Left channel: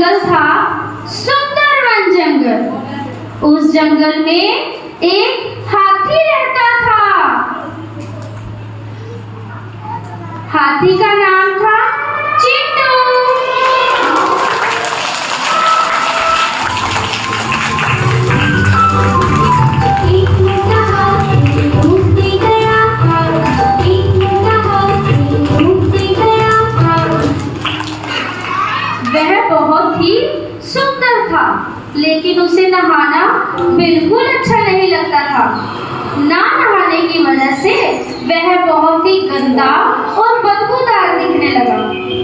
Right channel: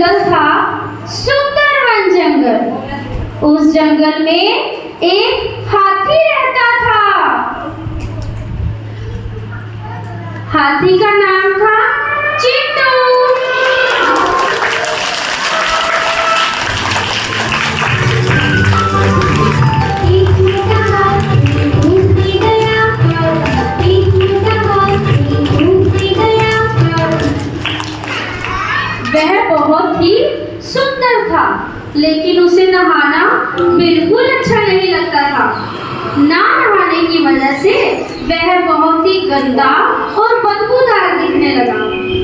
जंगल था, सुंदर वन जंगल। उस जंगल में एक हाथी रहता था। हाथी का नाम था चिंटू। वह बहुत ही सुंदर था, लेकिन उसे नहाना बिल्कुल अच्छा नहीं लगता था। ना नहाने की वजह से वह बहुत ही गंदा और बदबूदार दिखने लगा।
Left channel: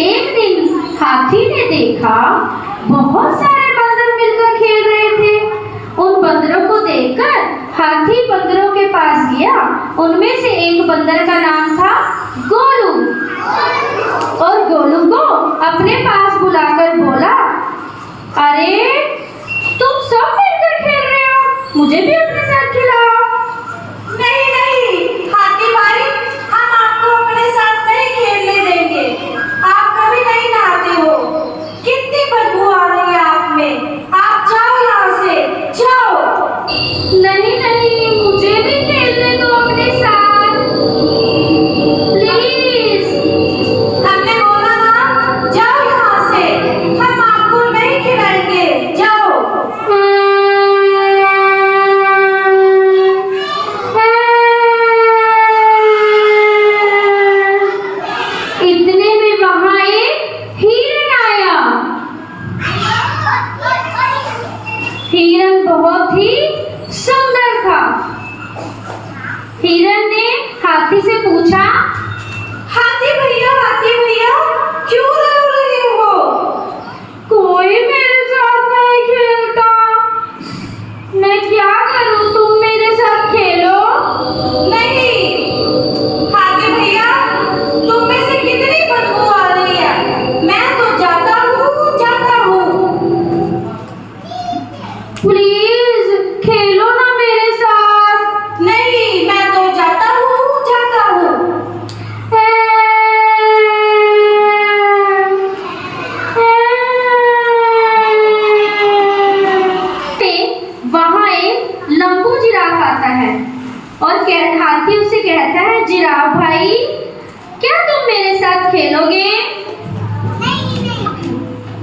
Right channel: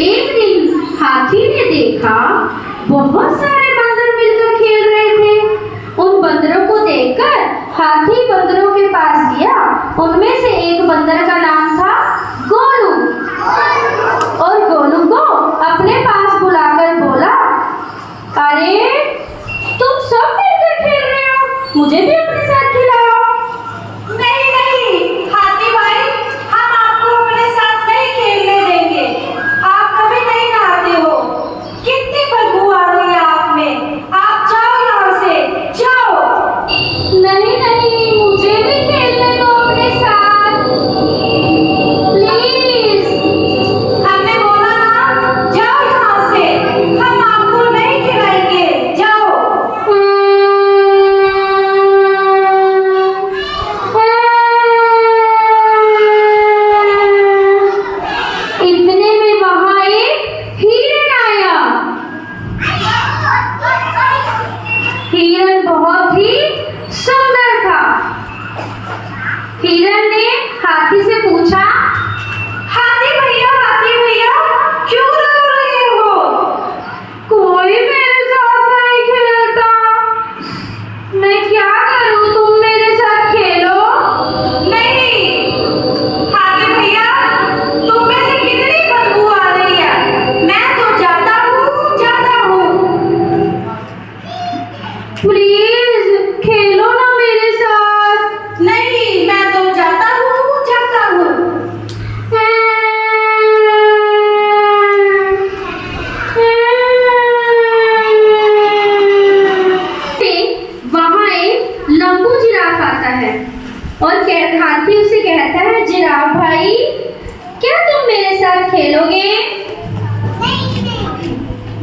एक दिन हाथी ने देखा बहुत सारे बंदर मिलकर खेल रहे थे। उन बंदरों को देखकर हाथी बंदरों के पास गया। उनमें से एक बंदर का नाम था गोलू, और गोलू को अपने पास बुलाकर बोला, अरे तुम सब मिलकर खेल रहे हो, मुझे भी अपने साथ खिलाओ। नहीं नहीं हाथी भाई, हम आपको अपने साथ नहीं खेलने देंगे। आप कभी नहीं नहाते हो, कितनी बदबू आ रही है आप में। आप जाओ यहाँ से, जाओ। नहीं नहीं, मुझे भी खेलने दो अपने साथ, प्लीज। हमने बोला ना, जाओ यहाँ से, हम आपको नहीं खिलाएंगे, जाओ। इतने में वहां एक हिरन आया। हिरन बहुत ही सुंदर था। हिरन ने हाथी से पूछा, हाथी भैया क्यों रो रहे हो? कोई मेरे साथ नहीं खेलता, मैं क्या करूं, तुम मेरे साथ खेलो। नहीं हाथी भैया, तुम में से कितनी बदबू आ रही है। मैं तो जाता हूँ। प्लीज खेलो ना मेरे साथ। नहीं मैं तो जाता हूँ। वहां एक लंबू जिराफ आता है और हाथी उसे कहता है, जिराफ भाई क्या तुम मेरे साथ खेलोगे?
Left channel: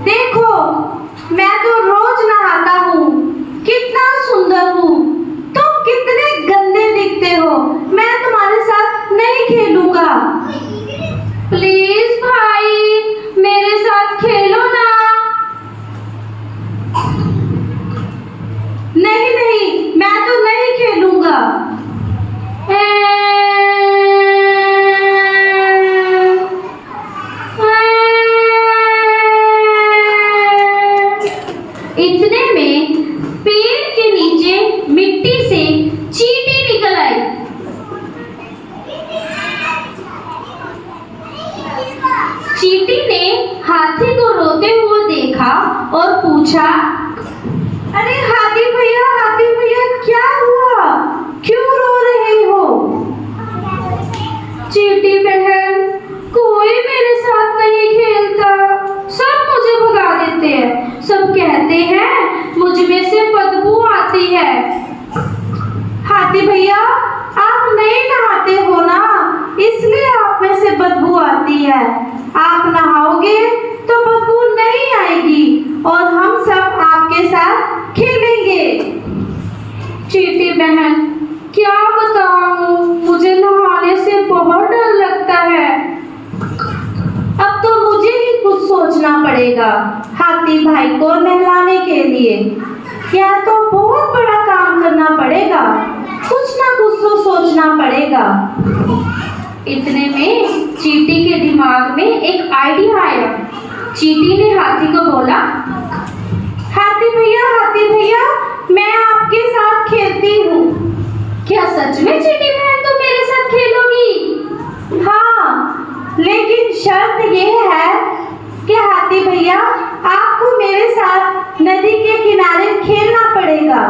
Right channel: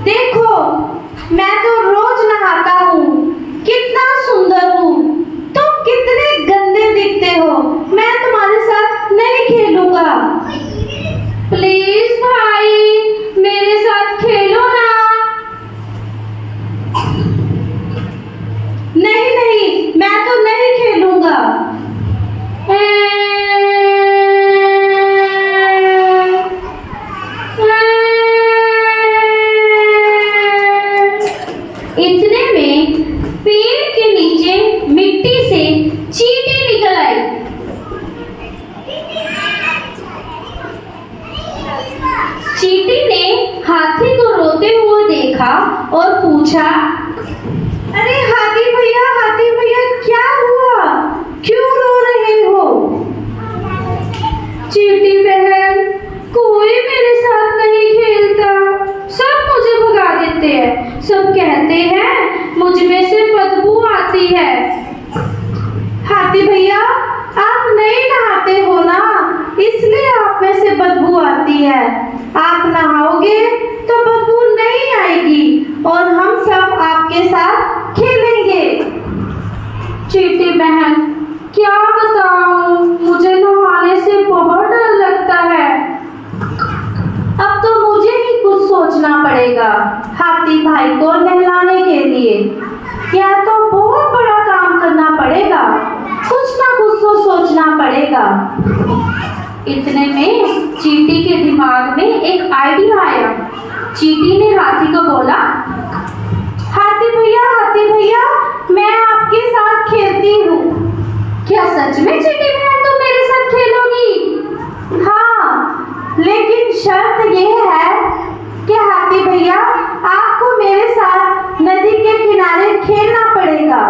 देखो मैं तो रोज नहाता हूँ, कितना सुंदर हूँ, तुम कितने गंदे दिखते हो, मैं तुम्हारे साथ नहीं खेलूंगा। प्लीज भाई मेरे साथ खेलो ना। नहीं मैं तो नहीं खेलूंगा। इतने में पेड़ के नीचे मिट्टी से चींटी निकल आई। चींटी ने हाथी को रोते हुए देखा और पूछा, अरे हाथी भैया क्या हुआ, क्यों रो रहे हो? चींटी बहन कोई मेरे साथ नहीं खेलता, सब मुझे भगा देते हैं, सब कहते हैं मुझ में से बदबू आती है। हाथी भैया आप नहीं नहाते हो ना, इसलिए आप में से बदबू आती है। आप नहाओगे तो बदबू नहीं आएगी और हम सब आपके साथ खेलेंगे। चींटी बहन क्या बताऊं, मुझे नहाने से बहुत डर लगता है। अब तो मुझे ही कुछ सोचना पड़ेगा हाथी भाई को नहलाने के लिए। या तो बहुत बड़ा काम करना पड़ेगा, कुछ ना कुछ तो सोचना पड़ेगा। इतने में चींटी के दिमाग में एक आइडिया आया। चींटी ने हाथी को बोला, हाथी भैया मैं आपके साथ खेलती हूँ। क्या सच में चींटी बहन तुम मेरे साथ खेलोगी? हाँ, लेकिन शर्त यह है कि हाथी भैया आपको मेरे साथ नदी के किनारे खेलना पड़ेगा।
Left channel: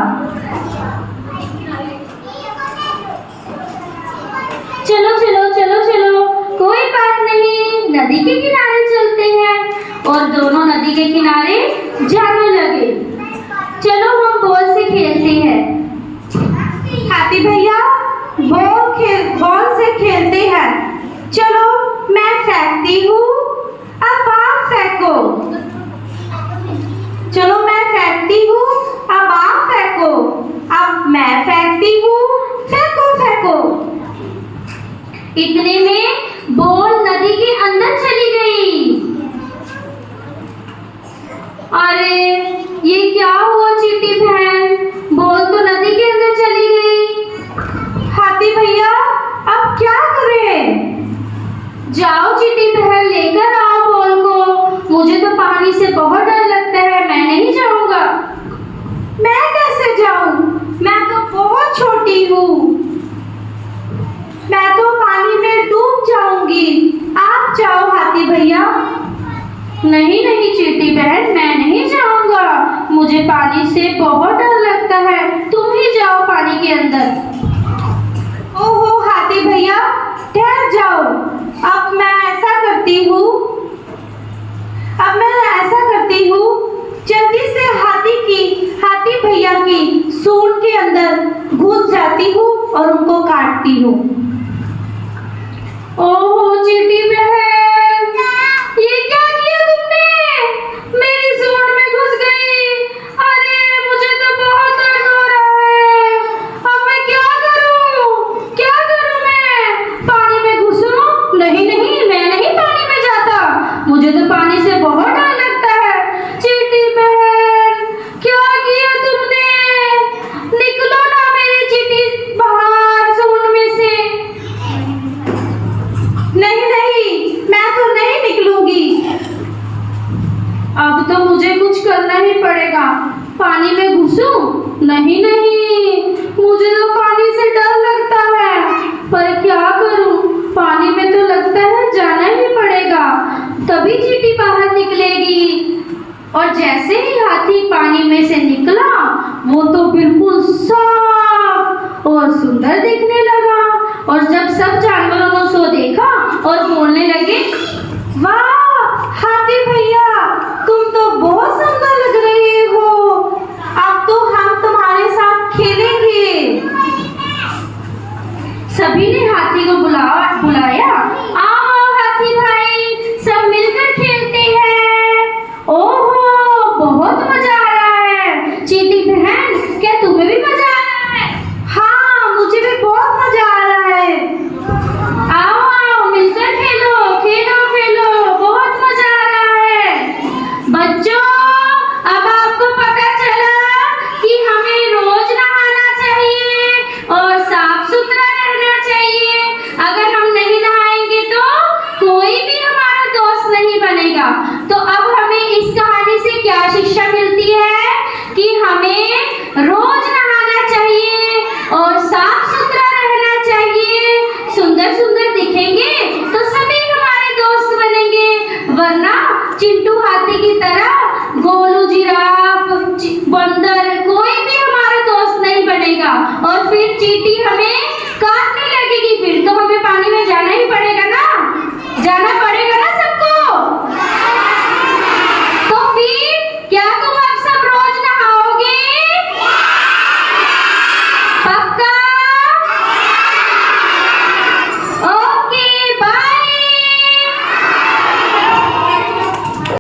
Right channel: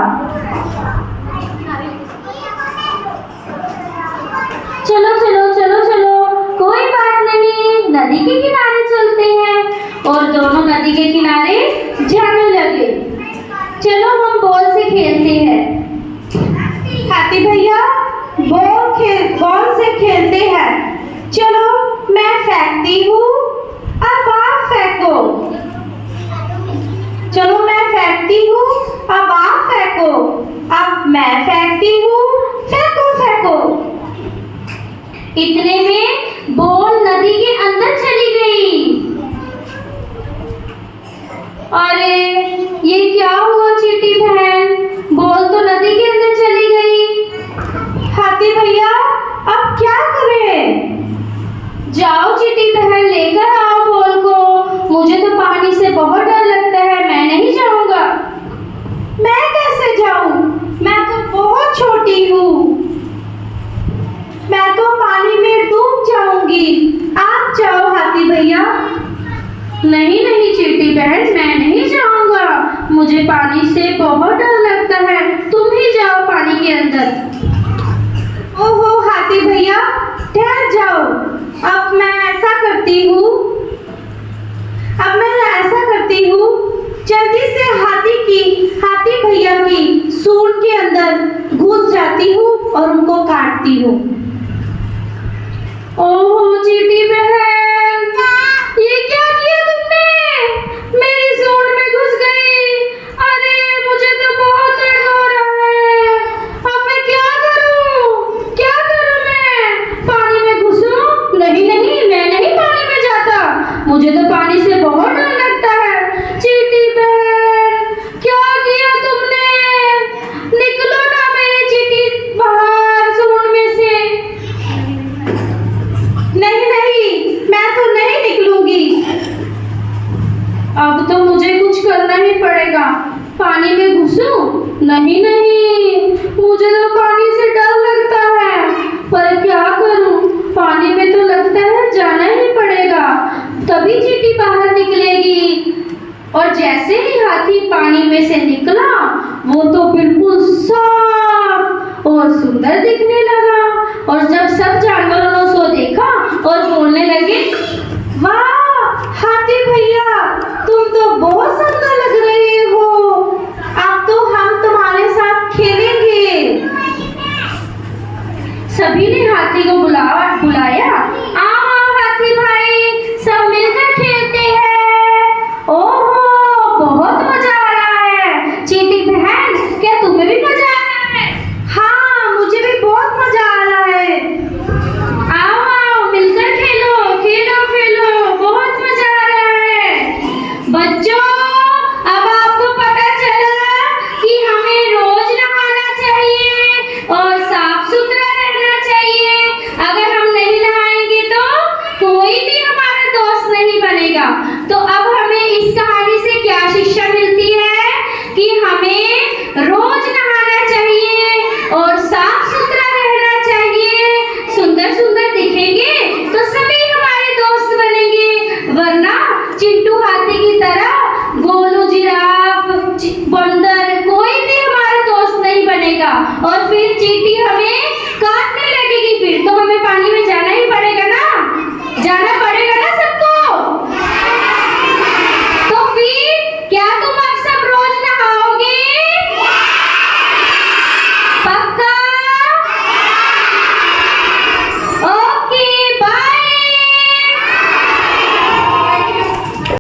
चलो कोई बात नहीं, नदी के किनारे चलते हैं। और दोनों नदी के किनारे फेंकती हूँ, अब आप फेंको। चलो मैं फेंकती हूँ, अब आप फेंको। अब मैं फेंकती हूँ, फेंको फेंको। इतने में बॉल नदी के अंदर चली गई। अरे ये क्या हुआ चींटी बहन, बॉल तो नदी के अंदर चली गई। हाथी भैया अब क्या करें? जाओ चींटी बहन, लेकर आओ बॉल को। मुझे तो पानी से बहुत डर लगता है, मैं नहीं जाऊंगा। मैं कैसे जाऊं? मैं तो बहुत छोटी हूँ, मैं तो पानी में डूब जाऊंगी। आप जाओ हाथी भैया। नहीं नहीं चींटी बहन, मैं नहीं जाऊंगा, मुझे पानी से बहुत डर लगता है। तुम ही जाओ पानी के अंदर। ओहो हाथी भैया, ठहर जाओ। अब मैं ऐसा करती हूँ, जल्दी से हाथी भैया की सूंड के अंदर घुस जाती हूँ और उनको काटती हूँ। ओहो चींटी बहन, ये क्या किया तुमने? मेरी सूंड में घुस गई। अरे मुझे तो बहुत दर्द हो रहा है। अब मैं क्या करूं? क्या करूं मैं? पानी में घुसूं? नहीं नहीं, मैं नहीं पानी में जाता, मुझे तो पानी से बहुत डर लगता है। चींटी बहन, क्या किया तुमने? निकलो ना मेरी चींटी बाहर सूंड में से। नहीं नहीं, मैं तो नहीं निकलूंगी। अब तो मुझे कुछ करना ही पड़ेगा। पानी में घुसूं? नहीं नहीं, मुझे तो पानी से डर लगता है, पर क्या करूं? पानी में तो लगता है जाना ही पड़ेगा, तभी चींटी बाहर निकलेगी। और जैसे ही हाथी पानी में से निकला, वो तो बिल्कुल साफ और सुंदर दिखने लगा। और जब सब जानवरों ने उसको देखा और बोलने लगे, वाह हाथी भैया, तुम तो बहुत सुंदर लग रहे हो। अब तो हम तुम्हारे साथ खेलेंगे। सभी ने हाथी को बुलाया। आओ हाथी भाई, सब मिलकर खेलते हैं। ओहो बहुत मजा आ रहा है। चींटी बहन, क्या तुम्हें भी मजा आ रहा है? हाँ मुझे भी बहुत मजा आ रहा है। आओ आओ मिलकर खेलो खेलो खेलो, बहुत मजा आ रहा है। बच्चों, अब आपको पता चला कि हमें रोज नहाना चाहिए और साफ सुथरा रहना चाहिए। अगर हम नहीं नहाएंगे तो कोई भी हमारा दोस्त नहीं बनेगा। तो अब हमें इस कहानी से क्या शिक्षा मिलती है? कि हमें रोज नहाना चाहिए और साफ सुथरा रहना चाहिए। सुंदर सुंदर दिखेंगे तो सभी हमारे दोस्त बनेंगे, वरना चिंटू हाथी की तरह गोलू जिराफ बंदर कोई भी हमारा दोस्त नहीं बनेगा। और फिर चींटी हमें